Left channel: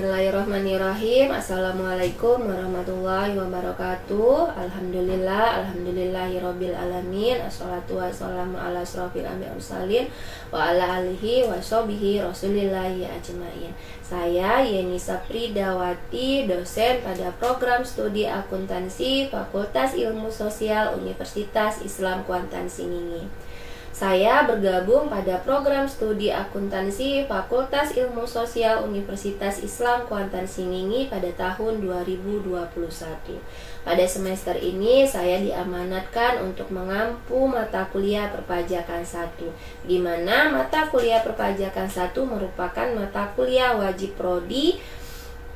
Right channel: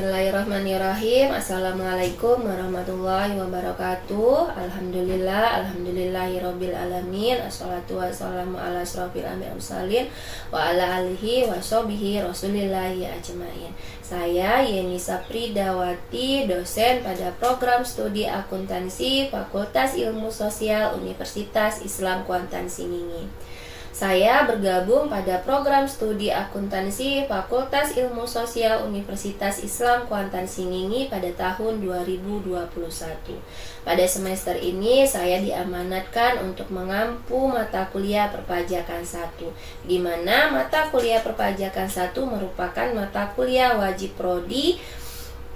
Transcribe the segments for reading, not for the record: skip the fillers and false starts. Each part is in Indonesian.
Bismillahirrahmanirrahim. Assalamualaikum warahmatullahi wabarakatuh. Alhamdulillahirabbil alamin. Assalatu wassalamu ala asrofil anbiya'i wal mursalin wa ala alihi washabihi rasulillahi ajmain. Saya Yeni Sapridawati, dosen pada program studi akuntansi Fakultas Ilmu Sosial Universitas Islam Kuantan Singingi. Saya bergabung pada program studi akuntansi Fakultas Ilmu Sosial Universitas Islam Kuantan Singingi pada tahun 2021. Pada semester ini saya diamanatkan untuk mengampu mata kuliah perpajakan 1, di mana mata kuliah perpajakan 1 merupakan mata kuliah wajib prodi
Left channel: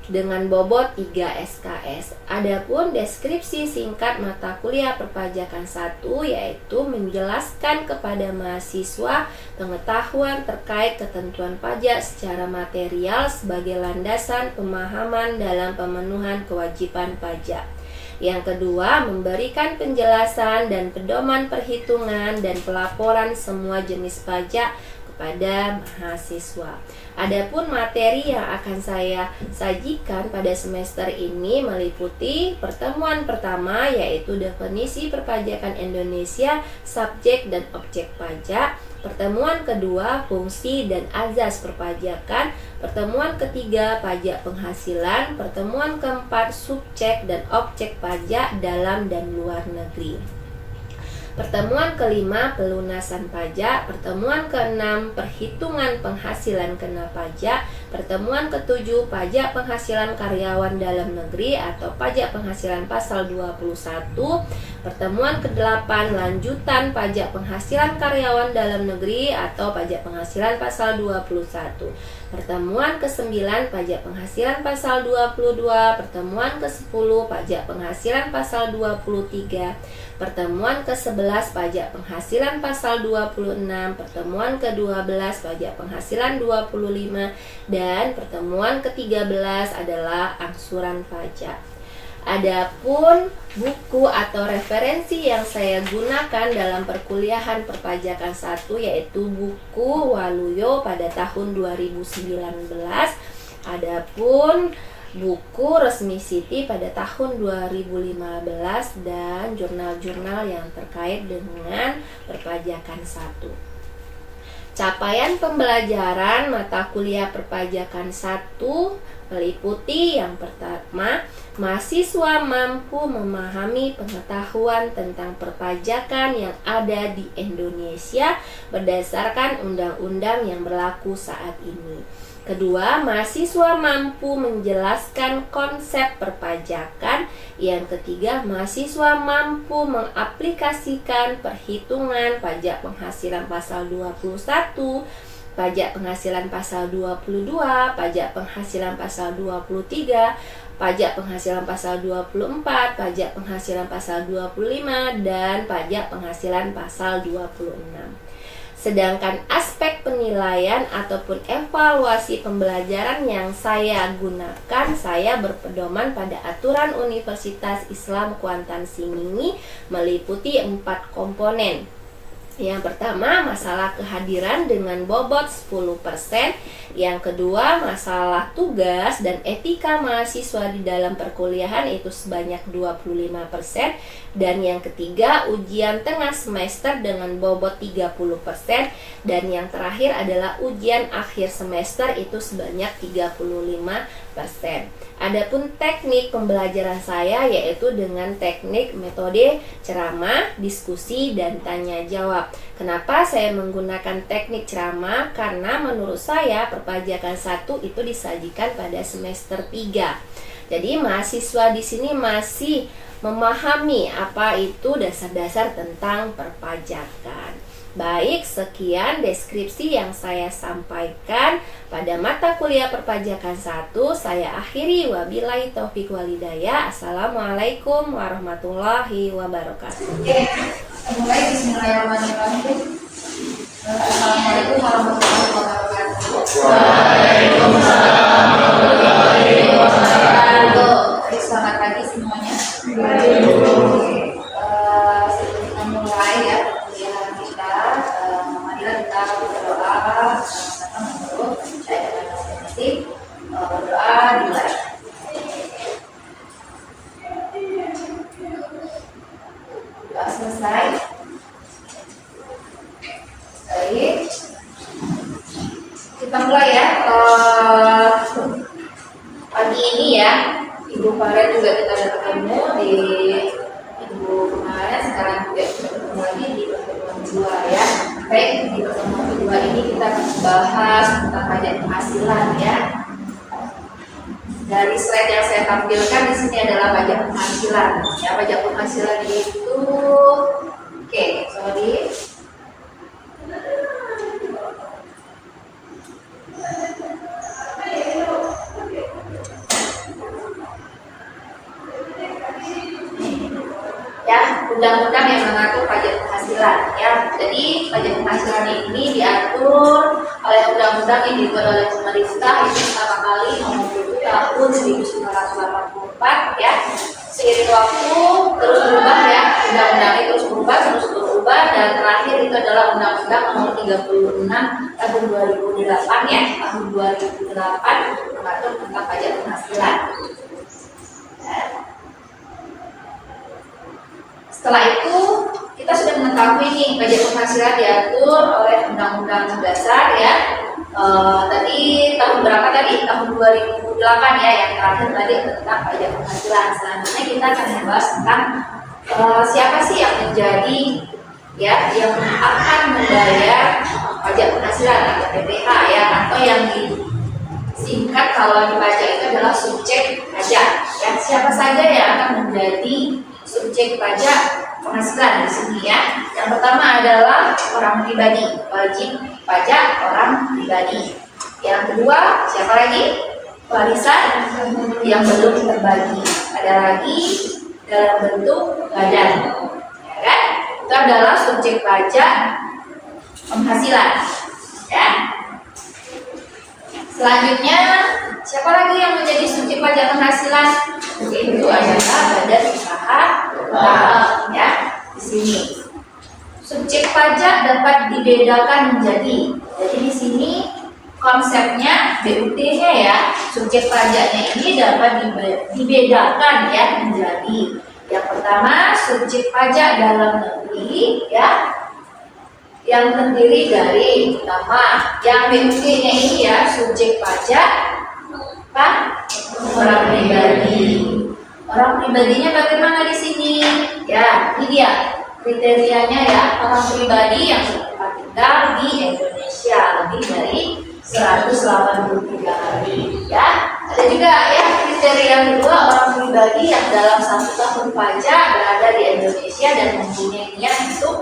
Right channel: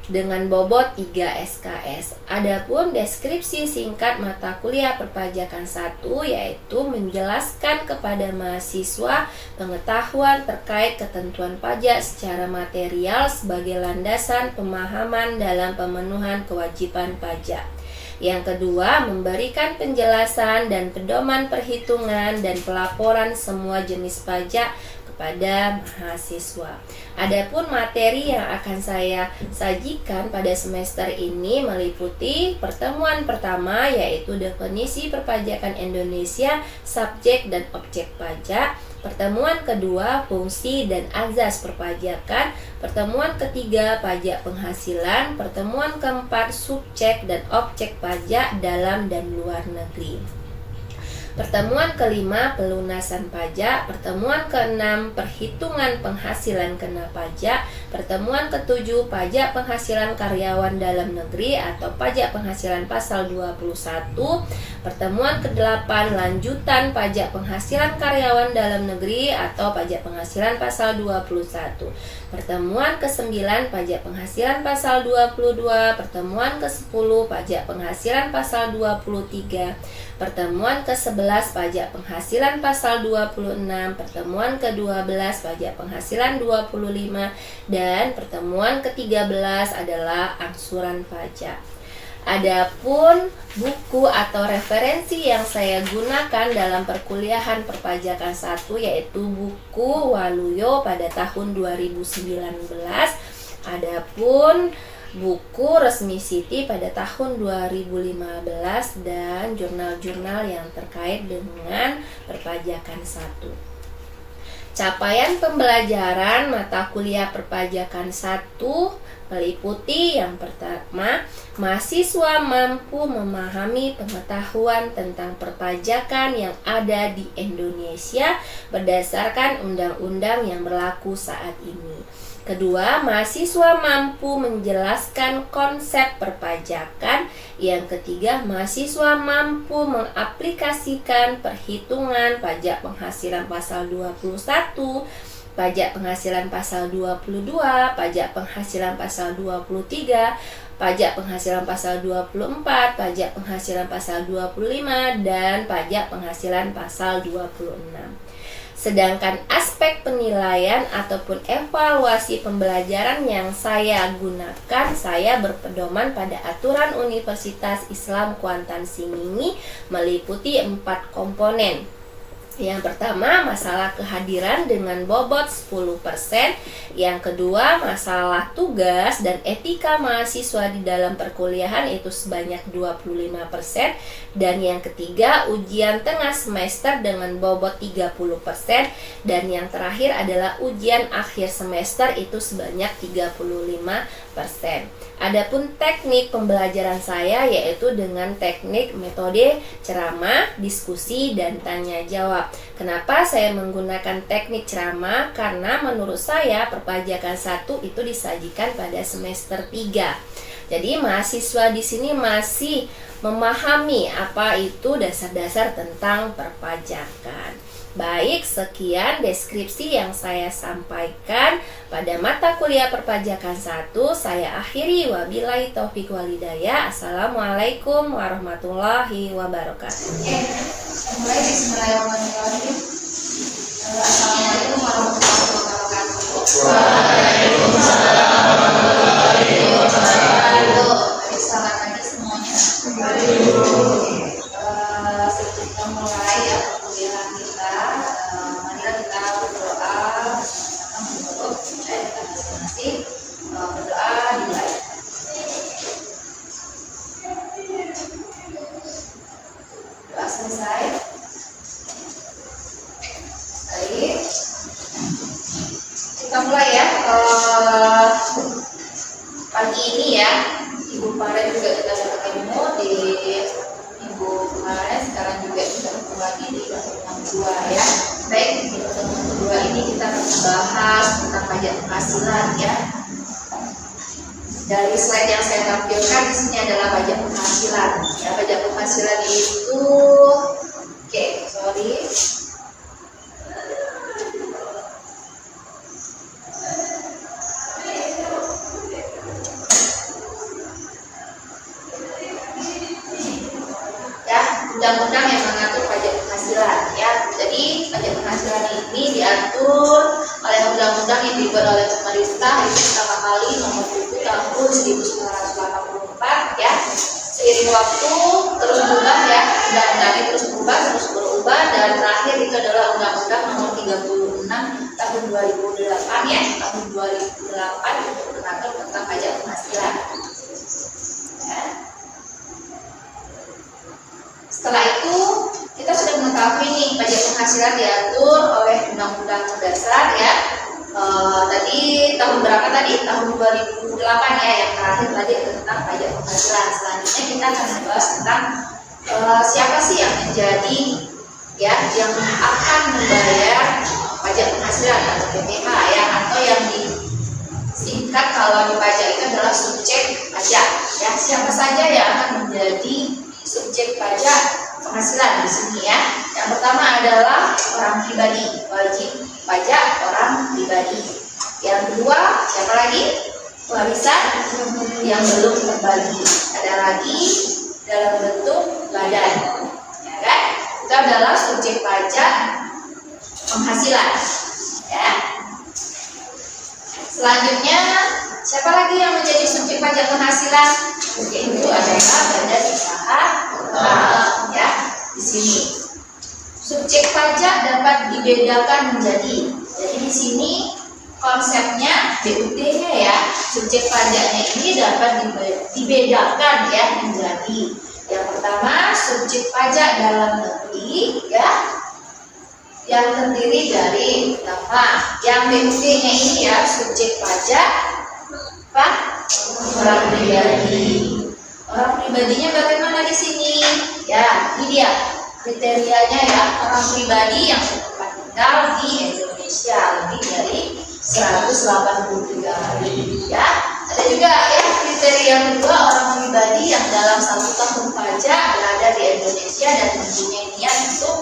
dengan bobot 3 SKS. Adapun deskripsi singkat mata kuliah perpajakan 1 yaitu menjelaskan kepada mahasiswa pengetahuan terkait ketentuan pajak secara material sebagai landasan pemahaman dalam pemenuhan kewajiban pajak. Yang kedua, memberikan penjelasan dan pedoman perhitungan dan pelaporan semua jenis pajak kepada mahasiswa. Adapun materi yang akan saya sajikan pada semester ini meliputi pertemuan pertama yaitu definisi perpajakan Indonesia, subjek dan objek pajak. Pertemuan kedua, fungsi dan azas perpajakan. Pertemuan ketiga, pajak penghasilan. Pertemuan keempat, subjek dan objek pajak dalam dan luar negeri. Pertemuan kelima, pelunasan pajak. Pertemuan keenam, perhitungan penghasilan kena pajak. Pertemuan ketujuh, pajak penghasilan karyawan dalam negeri atau pajak penghasilan pasal 21. Pertemuan kedelapan, lanjutan pajak penghasilan karyawan dalam negeri atau pajak penghasilan pasal 21. Pertemuan ke-9, pajak penghasilan pasal 22. Pertemuan ke-10, pajak penghasilan pasal 23. Pertemuan ke-11, pajak penghasilan pasal 26. Pertemuan ke-12, pajak penghasilan 25. Dan pertemuan ke-13 adalah angsuran pajak. Adapun buku atau referensi yang saya gunakan dalam perkuliahan perpajakan 1 yaitu buku Waluyo pada tahun 2019. Adapun buku Resmi Siti pada tahun 2015 dan jurnal-jurnal yang terkait dengan perpajakan 1. Capaian pembelajaran mata kuliah perpajakan 1 meliputi yang pertama, mahasiswa mampu memahami pengetahuan tentang perpajakan yang ada di Indonesia berdasarkan undang-undang yang berlaku saat ini. Kedua, mahasiswa mampu menjelaskan konsep perpajakan. Yang ketiga, mahasiswa mampu mengaplikasikan perhitungan pajak penghasilan pasal 21, pajak penghasilan pasal 22, pajak penghasilan pasal 23, pajak penghasilan pasal 24, pajak penghasilan pasal 25, dan pajak penghasilan pasal 26. Sedangkan aspek penilaian ataupun evaluasi pembelajaran yang saya gunakan, saya berpedoman pada aturan Universitas Islam Kuantan Singingi meliputi 4 komponen. Yang pertama, masalah kehadiran dengan bobot 10%. Yang kedua, masalah tugas dan etika mahasiswa di dalam perkuliahan itu sebanyak 25%. Dan yang ketiga, ujian tengah semester dengan bobot 30%. Dan yang terakhir adalah ujian akhir semester itu sebanyak 35%. Adapun teknik pembelajaran saya yaitu dengan teknik metode ceramah, diskusi, dan tanya jawab. Kenapa saya menggunakan teknik ceramah? Karena menurut saya perpajakan 1 itu disajikan pada semester 3. Jadi mahasiswa di sini masih memahami apa itu dasar-dasar tentang perpajakan. Baik, sekian deskripsi yang saya sampaikan pada mata kuliah perpajakan 1. Saya akhiri, wabillahi taufiq walhidayah. Assalamualaikum warahmatullahi wabarakatuh. Mulai bismillahirrahmanirrahim. Assalamualaikum warahmatullahi wabarakatuh. Waalaikumsalam warahmatullahi wabarakatuh. Baik, selamat pagi semuanya. Sebelum kita mulai ya perkuliahan kita, marilah kita berdoa sama-sama menurut saya dan masing-masing. Berdoa selesai. Baik, kita mulai ya. Pagi ini ya, Ibu Paren juga kita udah ketemu di Ibu kemarin, sekarang juga kita ketemu lagi di pertemuan kedua ya. Baik, di pertemuan kedua ini kita akan membahas tentang pajak penghasilan ya. Dari slide yang saya tampilkan di sini adalah pajak penghasilan. Ya, pajak penghasilan itu, sorry. Ya, undang-undang yang mengatur pajak penghasilan. Ya, jadi pajak penghasilan ini diatur oleh undang-undang yang dibuat oleh pemerintah itu pertama kali nomor tahun 1984 ya. Seiring waktu terus berubah ya, undang-undangnya terus berubah dan terakhir itu adalah undang-undang nomor 36 tahun 2008 ya, tahun 2008 mengatur tentang pajak penghasilan. Ya. Setelah itu kita sudah mengetahui nih pajak penghasilan diatur oleh undang-undang dasar ya. Tadi tahun berapa tadi? Tahun 2008 ya, yang terakhir tadi tentang pajak penghasilan. Selanjutnya kita akan membahas tentang siapa sih yang menjadi ya, yang akan membayar pajak penghasilan atau PPh ya, atau yang disingkat kalau di pajak itu adalah subjek pajak ya. Siapa saja yang akan menjadi subjek pajak penghasilan di sini ya. Yang pertama adalah orang pribadi, wajib pajak orang pribadi. Yang kedua, siapa lagi? Warisan yang belum terbagi. Ada lagi dalam bentuk badan, ya kan? Itu adalah subjek pajak penghasilan, ya. Selanjutnya, siapa lagi yang menjadi subjek pajak penghasilan? Itu adalah badan usaha ya. Di sini subjek pajak dapat dibedakan menjadi. Jadi di sini konsepnya BUT-nya ya, subjek pajaknya ini dapat dibedakan ya menjadi. Yang pertama, subjek pajak dalam negeri ya, yang terdiri dari pertama, yang BUT-nya ini ya, subjek pajak apa? Orang pribadi. Orang pribadinya bagaimana di sini? Ya, ini dia kriterianya ya, orang pribadi yang bertempat tinggal di Indonesia lebih dari 183 hari ya. Ada juga ya kriteria yang kedua, orang pribadi yang dalam 1 tahun pajak berada di Indonesia dan mempunyai niat untuk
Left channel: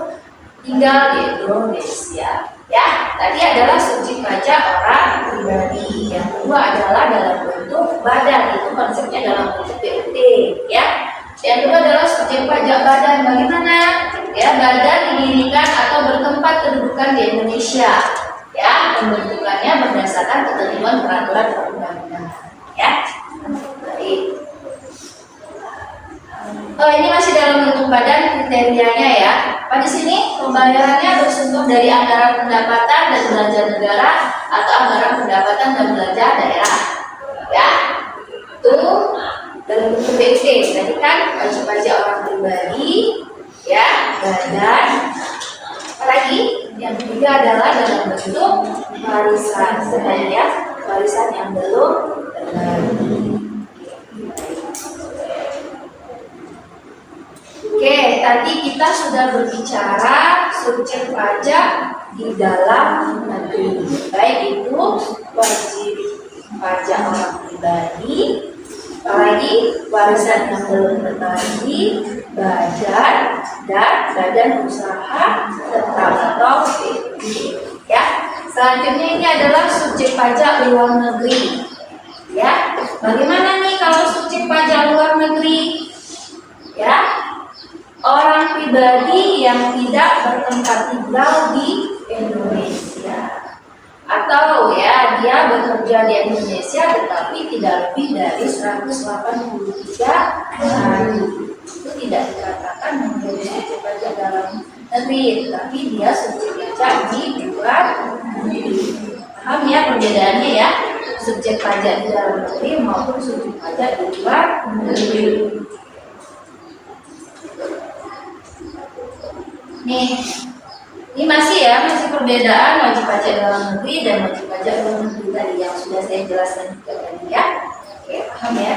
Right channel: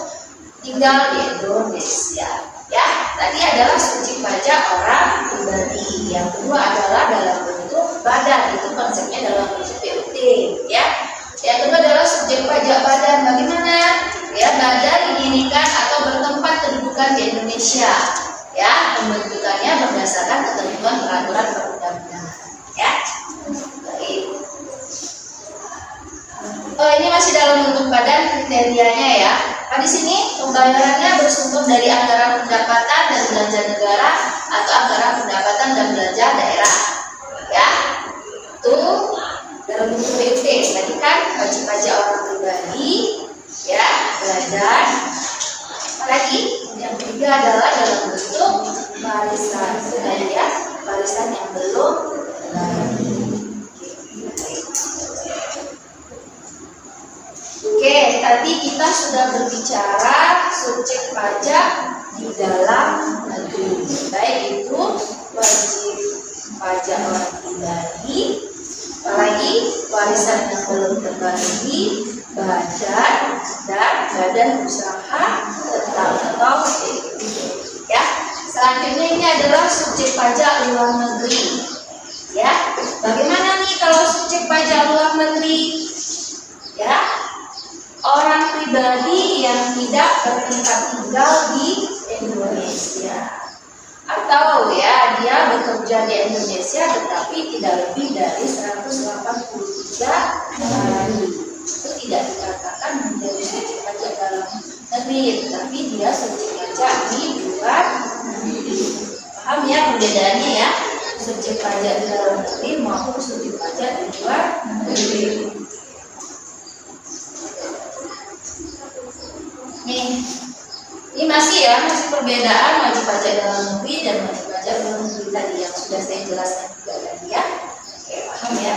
tinggal di Indonesia ya. Tadi adalah subjek pajak orang pribadi. Yang kedua adalah dalam bentuk badan, itu konsepnya dalam bentuk BUT ya. Yang kedua adalah subjek pajak badan. Bagaimana? Ya, badan didirikan atau bertempat kedudukan di Indonesia. Ya, pembentukannya berdasarkan ketentuan peraturan perundang-undangan. Ya, baik. Ini masih dalam bentuk badan kriterianya ya. Pada sini pembayarannya bersumber dari anggaran pendapatan dan belanja negara atau anggaran pendapatan dan belanja daerah. Ya, itu dalam bentuk BUT. Tadi kan wajib pajak orang pribadi, ya, badan. Apalagi yang ketiga adalah dalam bentuk warisan. Sedang ya, warisan yang belum terbagi. Oke, tadi kita sudah berbicara subjek pajak di dalam negeri. Baik itu wajib pajak orang pribadi, apalagi warisan yang belum terbagi, badan dan badan usaha tetap atau BUT. Ya, selanjutnya ini adalah subjek pajak luar negeri. Ya, bagaimana nih kalau subjek pajak luar negeri? Ya, orang pribadi yang tidak bertempat tinggal di Indonesia, atau ya dia bekerja di Indonesia tetapi tidak lebih dari 183 hari. Itu tidak dikatakan menjadi subjek pajak dalam negeri, tapi dia subjek pajak di luar negeri. Paham ya perbedaannya ya, subjek pajak di dalam negeri maupun subjek pajak di luar negeri. Nih, ini masih perbedaan wajib pajak dalam negeri dan wajib pajak luar negeri tadi yang sudah saya jelaskan juga tadi ya. Oke, paham ya?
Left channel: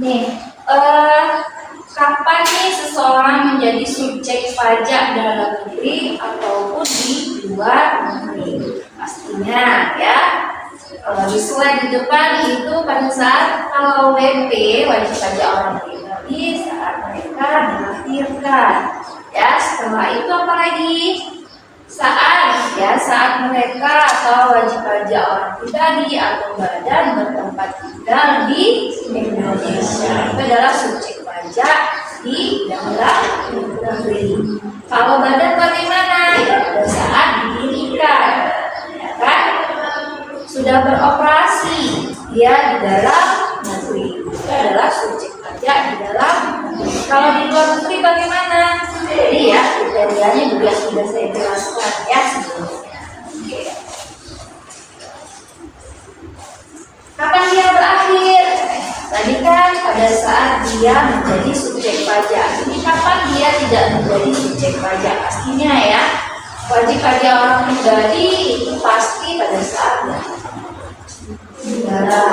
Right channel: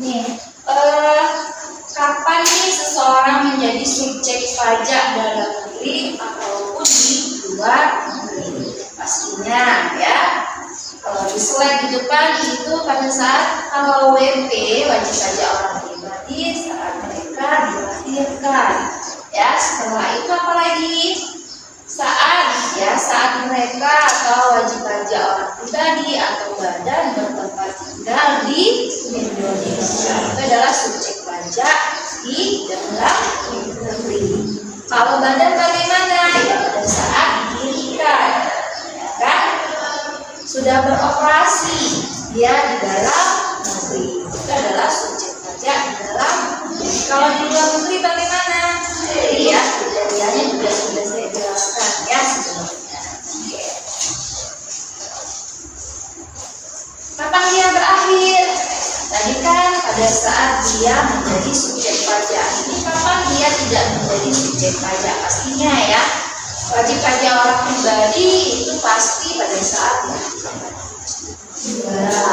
Nih, kapan nih seseorang menjadi subjek pajak dalam negeri ataupun di luar negeri? Pastinya ya. Kalau di slide di depan itu pada saat kalau WP wajib pajak orang pribadi saat mereka dilahirkan. Ya, setelah itu apa lagi? Saat mereka atau wajib pajak orang pribadi atau badan bertempat tinggal di Indonesia. Itu adalah subjek pajak di dalam negeri. Kalau badan bagaimana? Ya, pada saat didirikan, ya kan? Sudah beroperasi dia di dalam negeri. Itu adalah subjek pajak di dalam negeri. Kalau di luar negeri bagaimana? Jadi ya, kriterianya juga sudah saya jelaskan ya sebelumnya. Oke. Kapan dia berakhir? Tadi kan pada saat dia menjadi subjek pajak. Ini kapan dia tidak menjadi subjek pajak? Pastinya ya, wajib pajak orang pribadi itu pasti pada saat negara.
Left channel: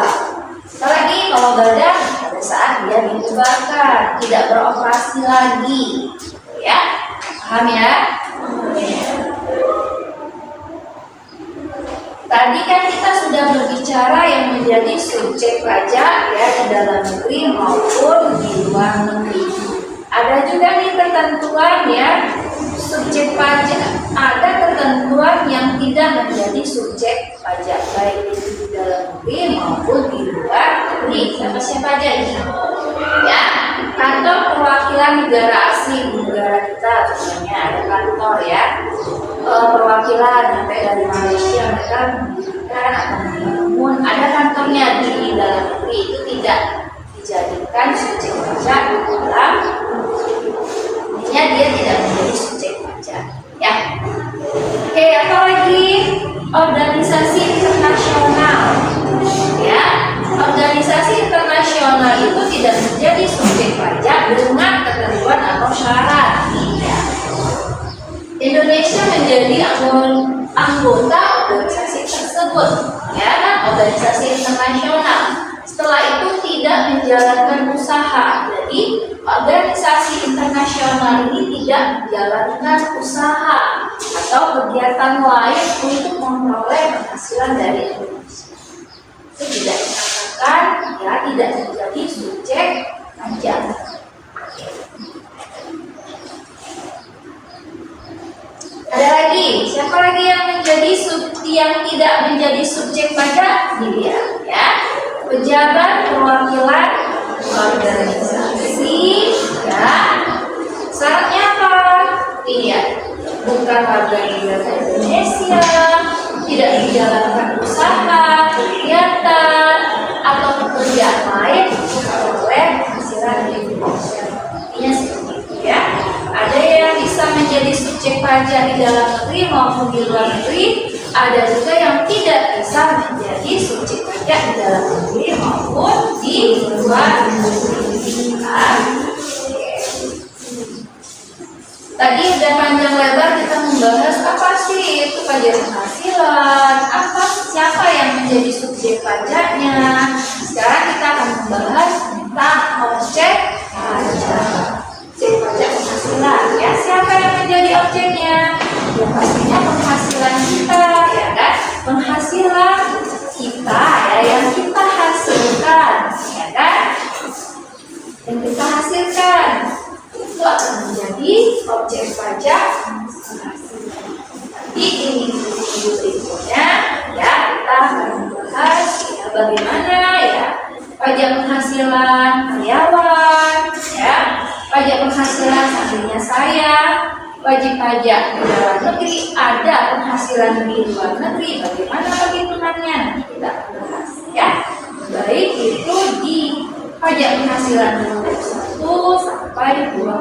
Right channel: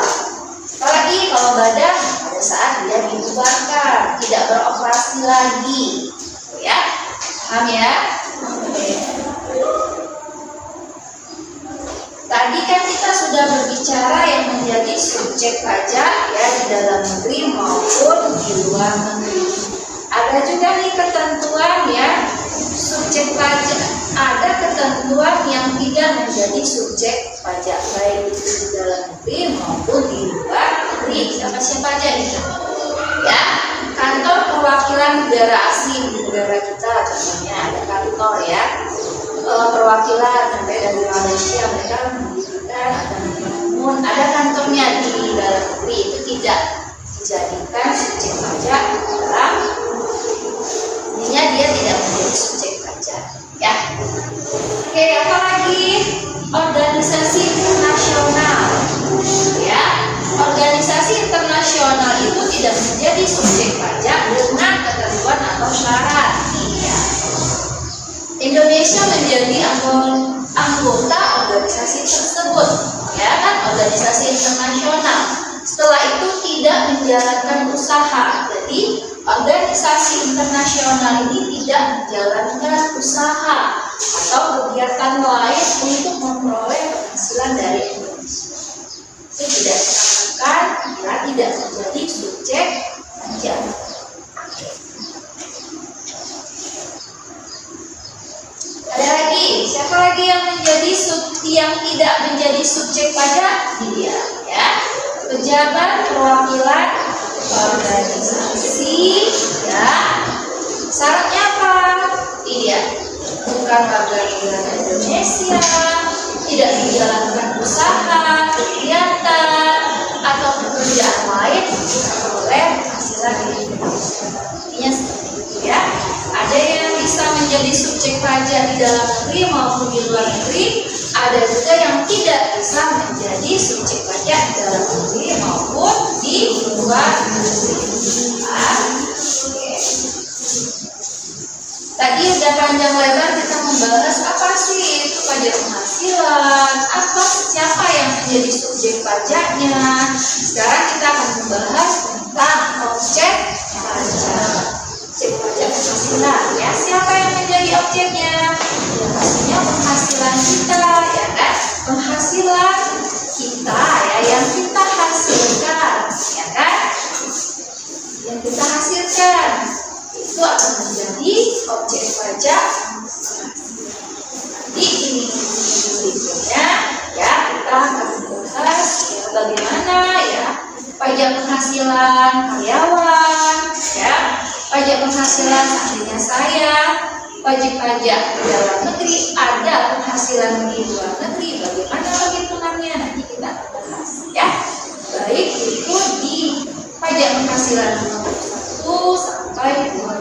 Apalagi kalau badan pada saat dia dibubarkan, tidak beroperasi lagi, ya, paham ya? Tadi kan kita sudah berbicara yang menjadi subjek pajak ya di dalam negeri maupun di luar negeri. Ada juga nih ketentuan ya subjek pajak. Ada ketentuan yang tidak menjadi subjek pajak baik itu di dalam negeri maupun di luar negeri. Siapa aja ini? Ya, kantor perwakilan negara asli di negara kita contohnya ada kantor ya. Perwakilan yang dari Malaysia mereka mendirikan atau membangun ada kantornya di dalam negeri itu tidak dijadikan subjek pajak di dalam intinya dia tidak menjadi subjek pajak ya. Oke, apa lagi? Organisasi internasional ya, organisasi internasional itu tidak menjadi subjek pajak dengan ketentuan atau syarat ya. Indonesia menjadi anggota organisasi tersebut, ya kan, organisasi internasional. Setelah itu tidak menjalankan usaha. Jadi organisasi internasional ini tidak menjalankan usaha atau kegiatan lain untuk memperoleh penghasilan dari Indonesia. Itu tidak dikatakan ya tidak menjadi subjek pajak. Ada lagi, siapa lagi yang tidak menjadi subjek pajak? Ini dia, ya. Pejabat perwakilan organisasi, ya. Syaratnya apa? Iya, bukan warga negara Indonesia, tidak menjalankan usaha, kegiatan, atau pekerjaan lain oleh penghasilan di Indonesia. Intinya seperti itu, ya. Ada yang bisa menjadi subjek pajak di dalam negeri maupun di luar negeri. Ada juga yang tidak bisa menjadi subjek pajak di dalam negeri maupun di luar negeri. Tadi udah panjang lebar kita membahas apa sih itu pajak penghasilan, siapa yang menjadi subjek pajaknya. Sekarang kita akan membahas tentang objek pajak. Objek pajak penghasilan ya, siapa yang menjadi objeknya? Ya pastinya penghasilan kita ya kan, penghasilan kita ya yang kita hasilkan ya kan, yang kita hasilkan itu akan menjadi objek pajak penghasilan. Di minggu berikutnya ya kita akan membahas ya bagaimana ya pajak penghasilan karyawan ya, pajak penghasilan seandainya saya wajib pajak di dalam negeri, ada penghasilan di luar negeri, bagaimana perhitungannya nanti kita akan bahas ya. Baik itu di pajak penghasilan 21 sampai 25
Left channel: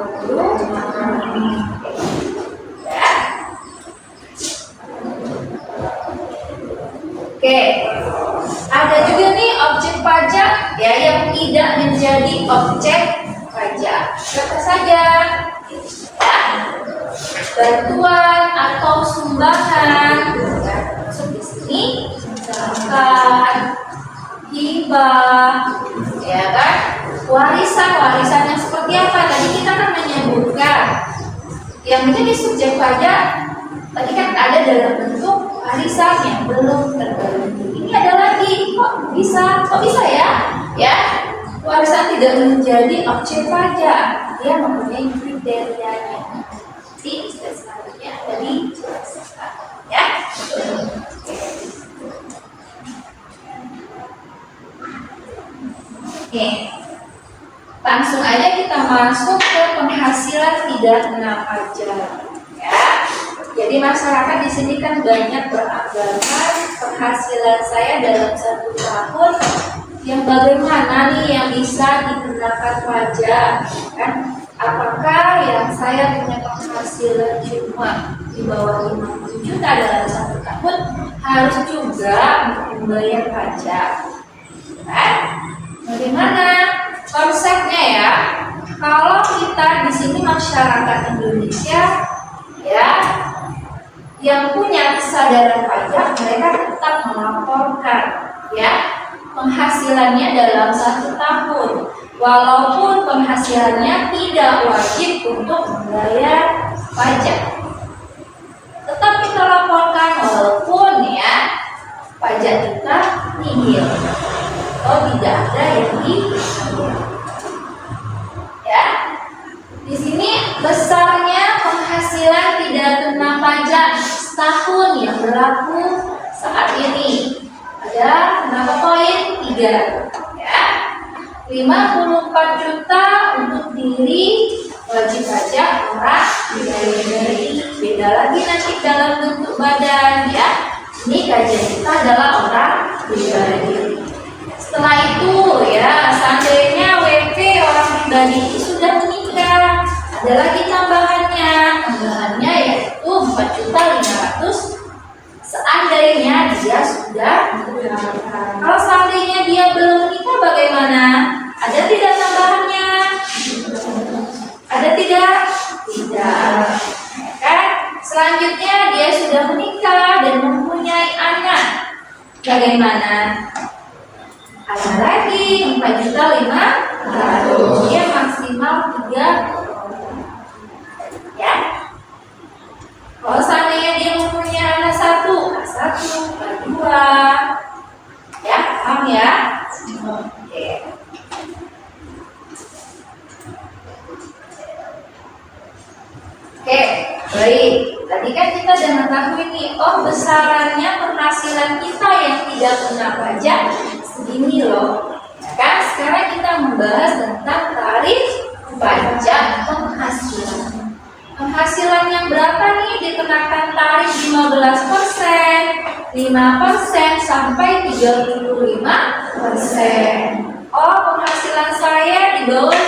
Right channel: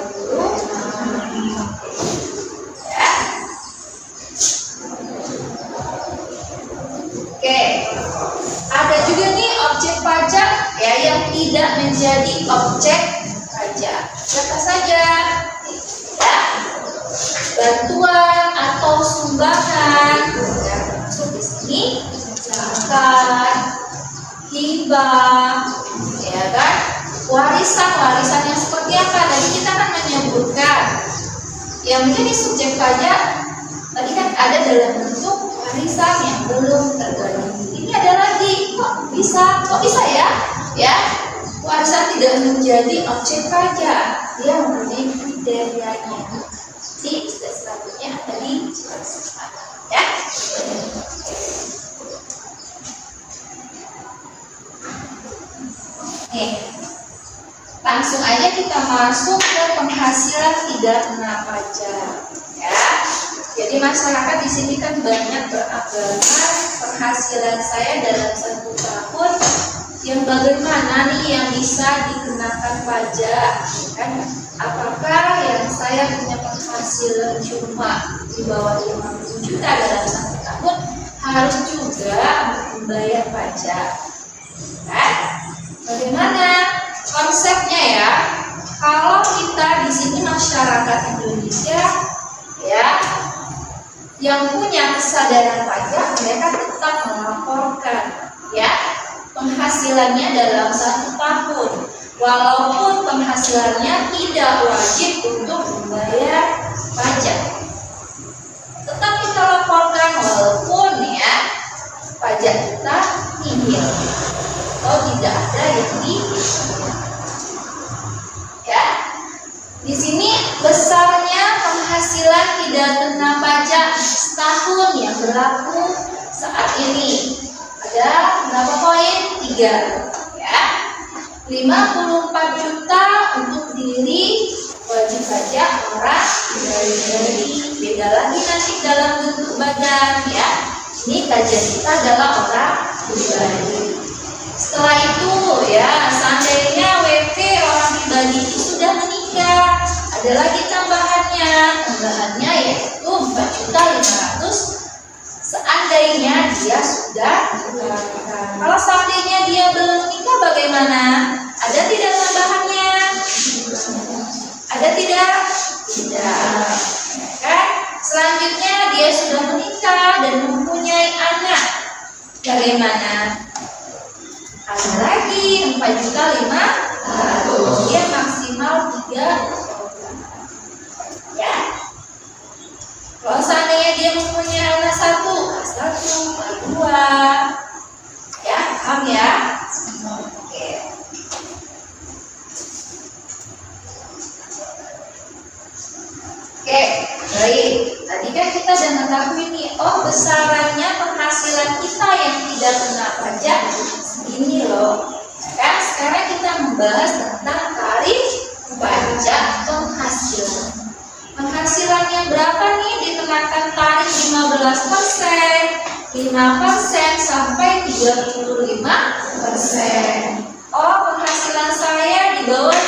ya. Oke, ada juga nih objek pajak ya yang tidak menjadi objek pajak. Siapa saja? Ya, bantuan atau sumbangan, ya, termasuk di sini zakat, hibah, ya kan? Warisan yang seperti apa? Tadi kita kan menyebutkan yang menjadi subjek pajak tadi kan ada dalam bentuk warisan yang belum terbagi. Ini ada lagi, kok bisa ya? Ya, warisan tidak menjadi objek pajak, dia mempunyai kriterianya. Di selanjutnya ada dijelaskan, ya. Oke, langsung aja kita masuk ke penghasilan tidak kena pajak, ya. Jadi masyarakat di sini kan banyak beranggapan penghasilan saya dalam 1 tahun yang bagaimana nih yang bisa dikenakan pajak, kan? Apakah yang saya punya penghasilan cuma di bawah 50 juta dalam 1 tahun harus juga membayar pajak? Kan? Bagaimana konsepnya ya? Kalau kita di sini masyarakat Indonesia, ya, yang punya kesadaran pajak, mereka tetap melaporkan, ya, penghasilannya dalam 1 tahun, walaupun penghasilannya tidak wajib untuk membayar pajak. Tetap kita laporkan walaupun ya pajak kita nihil atau tidak ada yang dibayar. Ya, di sini besarnya penghasilan tidak kena pajak setahun yang berlaku saat ini. Ada berapa poin? 3, ya. 54 juta untuk diri wajib pajak orang pribadi. Beda lagi nanti dalam bentuk badan, ya. Ini kajian kita adalah orang pribadi. Setelah itu, ya, seandainya WP orang pribadi itu sudah menikah, ada lagi tambahannya yaitu 4.500.000 seandainya dia sudah menikah. Kalau seandainya dia belum menikah bagaimana? Ada tidak tambahannya? Ada tidak? Tidak. Ya, selanjutnya dia sudah menikah dan mempunyai anak. Bagaimana? Ada lagi 4.500.000. Dia maksimal 3. Ya. Kalau seandainya dia mempunyai anak 1, A1, A2. Ya, paham ya? Oke. Oke, baik. Tadi kan kita sudah mengetahui nih, besarannya penghasilan kita yang tidak kena pajak segini loh. Ya kan? Sekarang kita membahas tentang tarif pajak penghasilan. Penghasilan yang berapa nih dikenakan tarif 15%, 5% sampai 35%. Penghasilan saya di bawah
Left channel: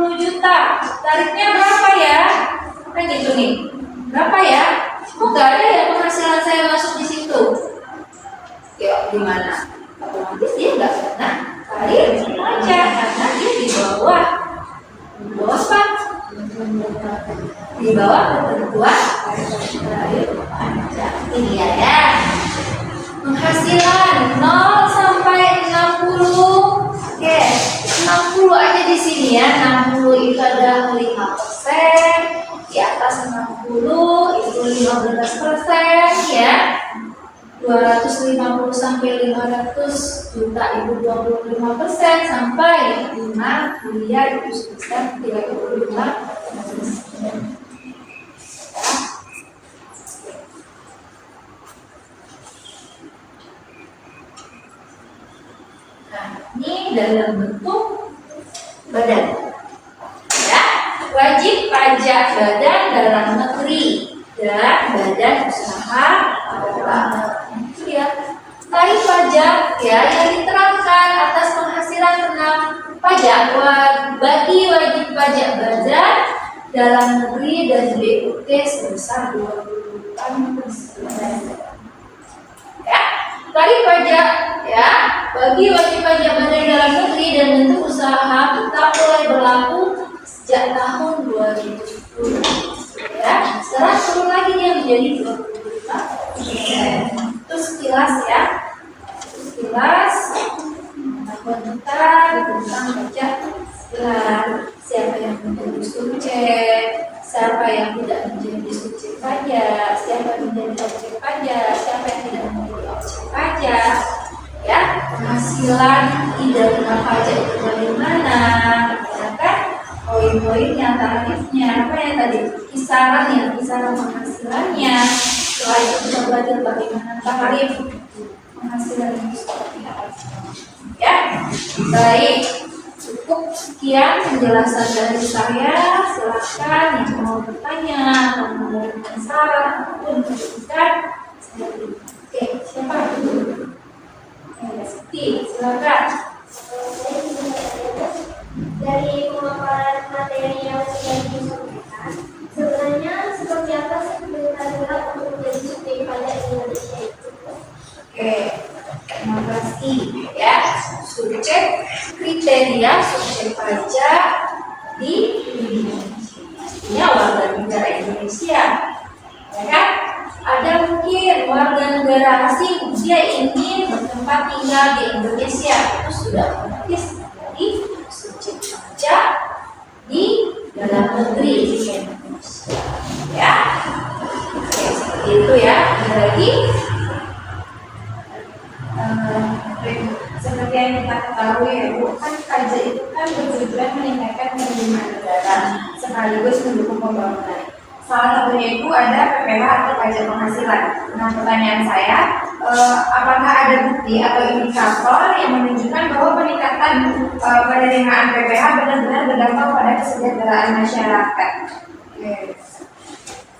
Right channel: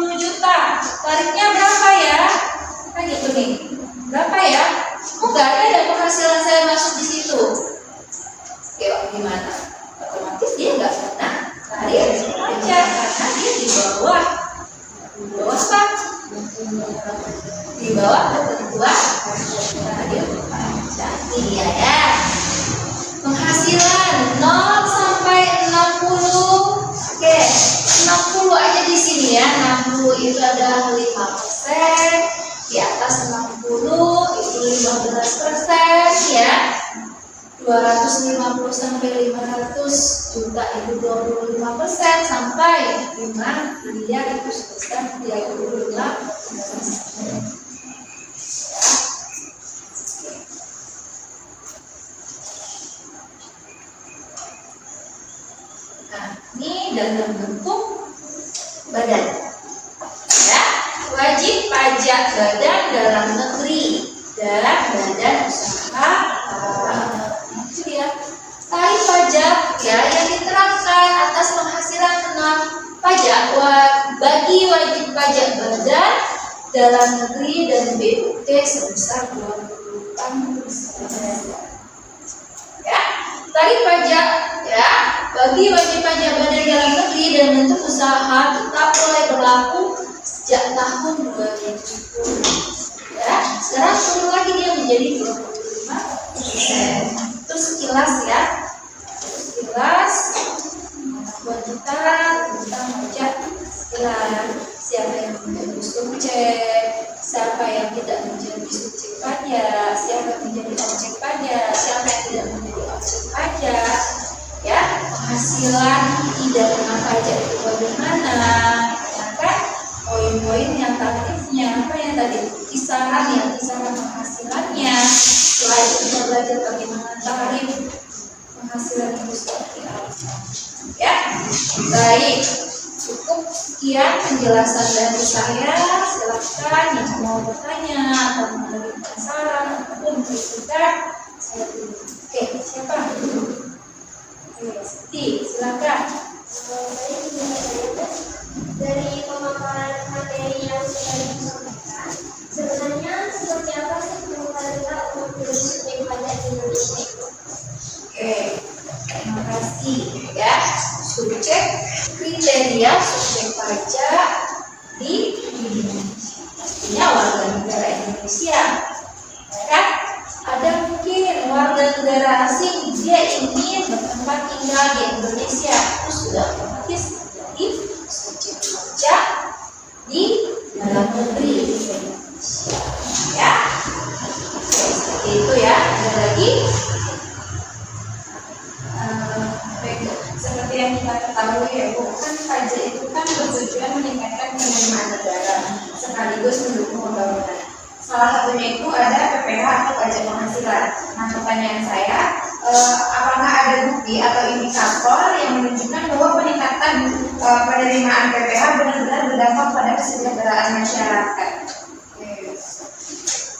50 juta. Tarifnya berapa ya? Kan gitu nih. Berapa ya? Kok gak ada ya penghasilan saya masuk di situ? Yuk, gimana? Otomatis dia nggak kena tarif pajak karena dia di bawah apa? Di bawah ketentuan tarif pajak. Ini ya. Penghasilan 0 sampai 60. Oke, 60 aja di sini ya. 60 itu ada 5%. Di atas 60 itu 15% ya. 250 sampai 500 juta itu 25% sampai 5 miliar itu sebesar 35%. Ya. Nah, ini dalam bentuk badan. Ya, wajib pajak badan dalam negeri dan badan usaha itu ya. Tarif pajak ya yang diterapkan atas penghasilan kena pajak bagi wajib pajak badan dalam negeri dan BUT sebesar 28%. Ya, tarif pajak ya bagi wajib pajak badan dalam negeri dan bentuk usaha tetap mulai berlaku sejak tahun 2010. Ya, sekarang yang tidak menjadi subjek pajak, siapa yang menjadi objek pajak, siapa yang tidak menjadi objek pajak, ya, penghasilan tidak kena pajak itu bagaimana, ya kan, poin-poinnya, tarifnya, apa yang tadi, kisaran penghasilannya. Setelah itu kita belajar bagaimana tarif penghasilan itu seperti apa. Ya, baik, cukup sekian penjelasan dari saya. Silakan yang mau bertanya atau memberikan saran ataupun kritikan, saya terima. Oke, siapa? Oke, Siti, silakan. Saya ingin bertanya, dari pemaparan materi yang sudah disampaikan, sebenarnya seperti apa sih kriteria untuk menjadi subjek pajak di Indonesia itu? Oke, terima kasih. Ya, subjek kriteria subjek pajak di Indonesia. Pastinya warga negara Indonesia, ya kan? Ada mungkin warga negara asing dia ingin bertempat tinggal di Indonesia, itu sudah otomatis menjadi subjek pajak di dalam negeri Indonesia. Ya, oke, seperti itu ya. Ada lagi. Seperti yang kita ketahui ya Bu, kan pajak itu kan bertujuan meningkatkan penerimaan negara sekaligus mendukung pembangunan. Salah satunya itu ada PPh atau pajak penghasilan. Nah, pertanyaan saya, apakah ada bukti atau indikator yang menunjukkan bahwa peningkatan penerimaan PPh benar-benar berdampak pada kesejahteraan masyarakat?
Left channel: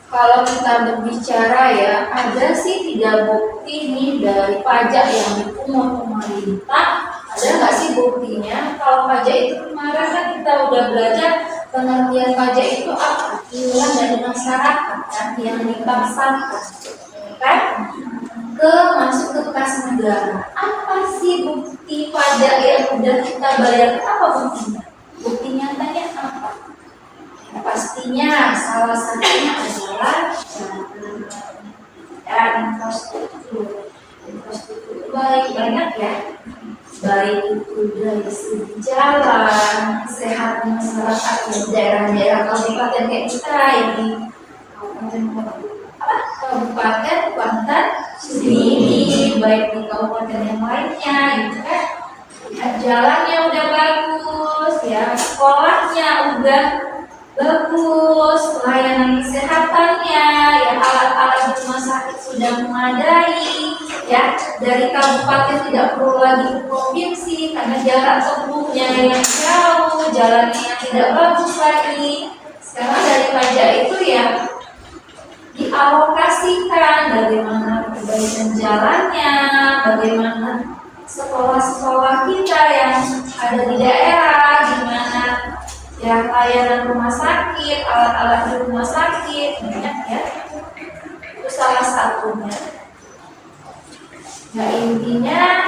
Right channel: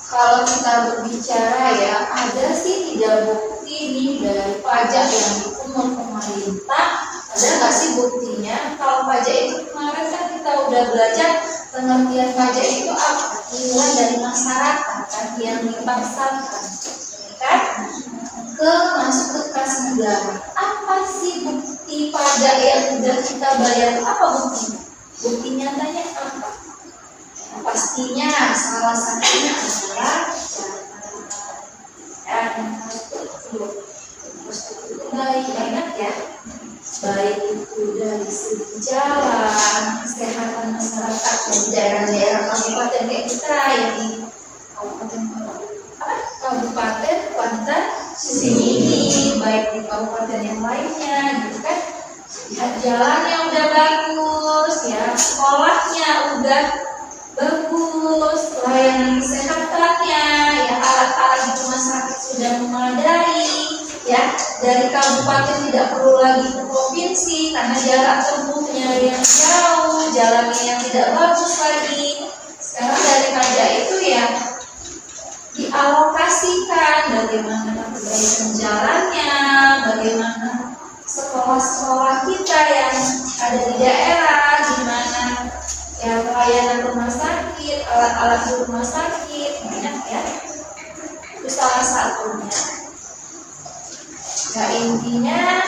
Kalau kita berbicara ya, ada sih 3 bukti nih dari pajak yang dipungut pemerintah. Ada nggak sih buktinya? Kalau pajak itu kemarin kan kita udah belajar pengertian pajak itu apa? Iuran dari masyarakat kan yang dipaksakan, kan? Masuk ke kas negara. Apa sih bukti pajak yang udah kita bayar? Apa buktinya? Bukti nyatanya apa? Ya, pastinya salah satunya adalah jalan, infrastruktur baik banyak ya, baik itu dari segi jalan, kesehatan masyarakat di daerah-daerah kabupaten kayak kita yang di kabupaten Kuantan sini, baik di kabupaten yang lainnya, gitu kan? Lihat jalannya udah bagus, ya, sekolahnya udah bagus, layanan kesehatannya, ya, alat-alat di rumah sakit sudah memadai, ya, dari kabupaten tidak perlu lagi ke provinsi karena jarak tempuhnya yang jauh, jalannya yang tidak bagus lagi. Sekarang dari pajak itu ya dialokasikan bagaimana perbaikan jalannya, bagaimana sekolah-sekolah kita yang ada di daerah, gimana ya layanan rumah sakit, alat-alat di rumah sakit, banyak ya. Itu salah satunya. Nah, intinya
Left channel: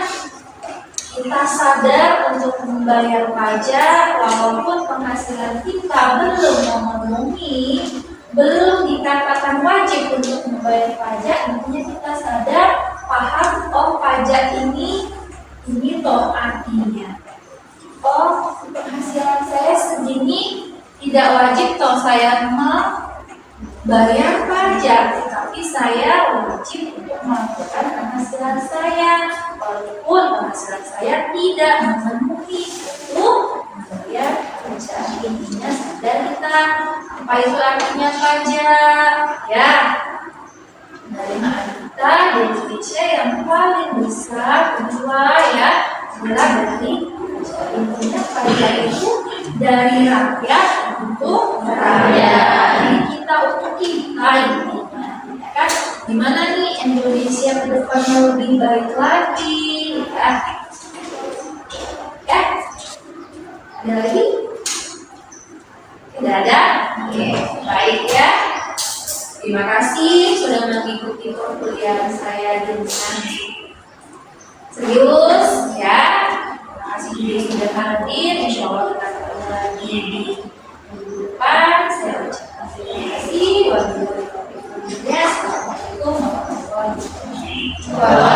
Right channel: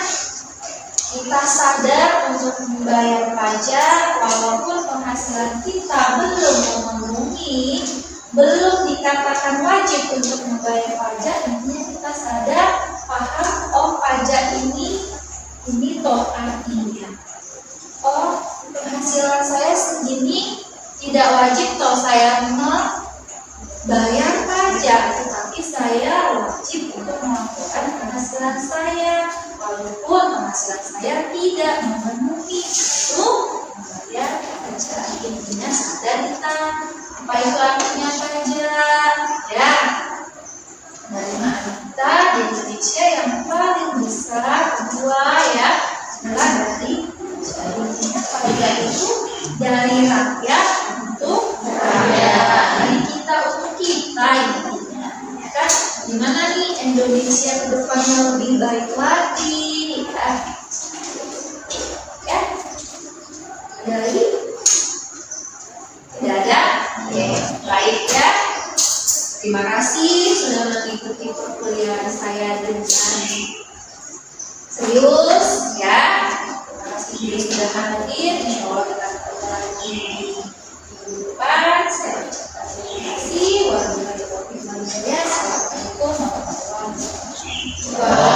kita sadar untuk membayar pajak walaupun penghasilan kita belum memenuhi, belum dikatakan wajib untuk membayar pajak. Intinya kita sadar, paham, oh pajak ini toh artinya, oh penghasilan saya segini tidak wajib toh saya membayar pajak, tetapi saya wajib untuk melakukan penghasilan saya walaupun penghasilan saya tidak memenuhi untuk membayar pajak. Intinya sadar kita apa itu artinya pajak, ya. Penerimaan kita di Indonesia yang paling besar kedua ya adalah dari pajak. Intinya pajak itu dari rakyat untuk rakyat, dari kita untuk kita, intinya, ya kan? Gimana nih Indonesia ke depannya lebih baik lagi, ya? Ya? Ada lagi? Tidak ada? Oke, baik ya. Terima kasih sudah mengikuti perkuliahan saya dengan serius ya. Terima kasih juga sudah hadir. Insya Allah kita ketemu lagi di minggu depan. Saya ucapkan terima kasih. Wabillahi taufiq wal hidayah. Assalamualaikum warahmatullahi wabarakatuh.